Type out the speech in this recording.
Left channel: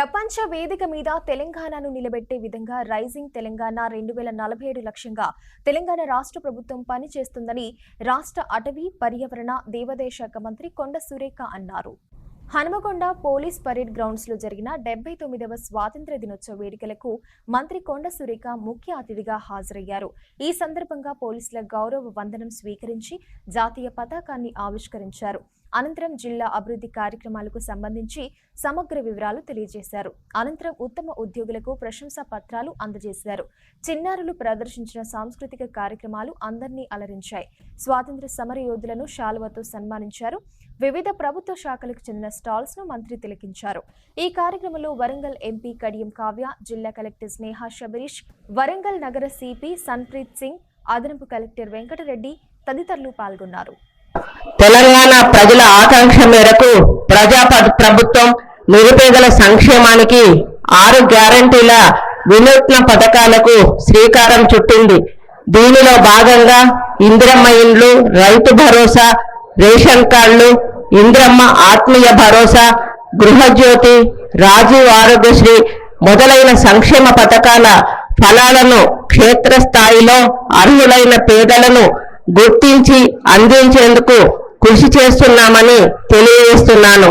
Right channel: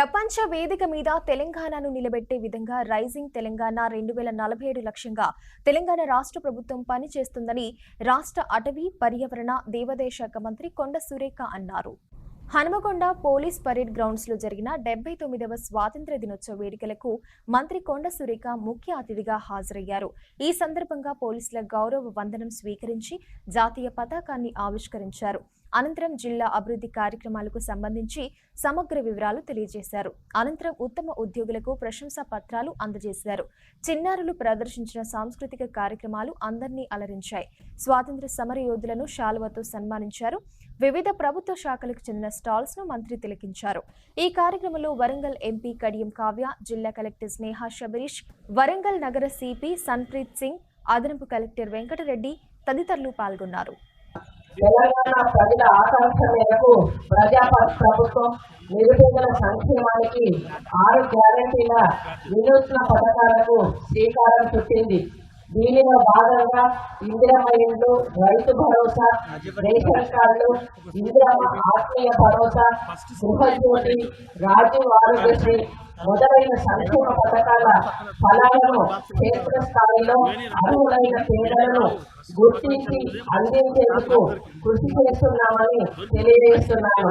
ప్రపంచ వేదిక మీద తెలంగాణను నిలబెట్టే విధంగా రైజింగ్ తెలంగాణ 2047 లక్ష్యంగా తెలంగాణ రాష్ట్ర ప్రభుత్వం పనిచేస్తుందని రాష్ట్ర అటవీ పర్యావరణ దేవాదాయ శాఖ మంత్రి కొండ సురేఖ అన్నారు. హనుమకొండ పోలీస్ పరేడ్ గ్రౌండ్స్ లో జరిగిన 79వ స్వాతంత్ర్య దినోత్సవ వేడుకలకు మంత్రి కొండ సురేఖ ముఖ్య అతిథిగా హాజరయ్యారు. ఈ సందర్భంగా పోలీసుల గౌరవ వందనం స్వీకరించి జాతీయ పతాకాన్ని ఆవిష్కరించారు. అనంతరం జిల్లా అభివృద్ధి కార్యక్రమాలకు సంబంధించి సమగ్ర వివరాలు తెలియజేశారు. అనంతరం ఉత్తమ ఉద్యోగులకు ప్రశంసా పత్రాలు అందజేశారు. చిన్నారులు ప్రదర్శించిన సాంస్కృతిక కార్యక్రమాలు అందరినీ అలరించాయి. స్వాతంత్ర్య సమర యోధులను శాలువతో సన్మానించారు. వివిధ ప్రభుత్వ శాఖలకు చెందిన స్టాల్స్ ను మంత్రి తిలకించారు. ఈ కార్యక్రమంలో వరంగల్ ఎంపీ కడియం కావ్య, జిల్లా కలెక్టర్ స్నేహ శబరీష్, వరంగల్ నగర సిపి సన్ప్రీత్ సింగ్, అదనపు కలెక్టర్ వెంకటరెడ్డి తదితరులు పాల్గొన్నారు. తెలంగాణ ప్రజల ఆకాంక్ష మేరకు ప్రజా ప్రభుత్వం నిరుపేదల సంక్షేమానికి 6 గ్యారంటీల వినూత్న పథకాలకు శ్రీకారం చుట్టింది. దీనిలో భాగంగా ఇందిరమ్మ ఇండ్లు, రైతు భరోసా, రేషన్ కార్డులు, ఇందిరమ్మ ఆత్మీయ భరోసా, గృహజ్యోతి, రాజీవ్ ఆరోగ్యశ్రీ మొదలైన సంక్షేమ పథకాల ఫలాలను క్షేత్రస్థాయిలో అర్హులైన పేదలను గుర్తించి అందించేందుకు కృషి చేస్తున్నామని తెలియజేస్తున్నాను.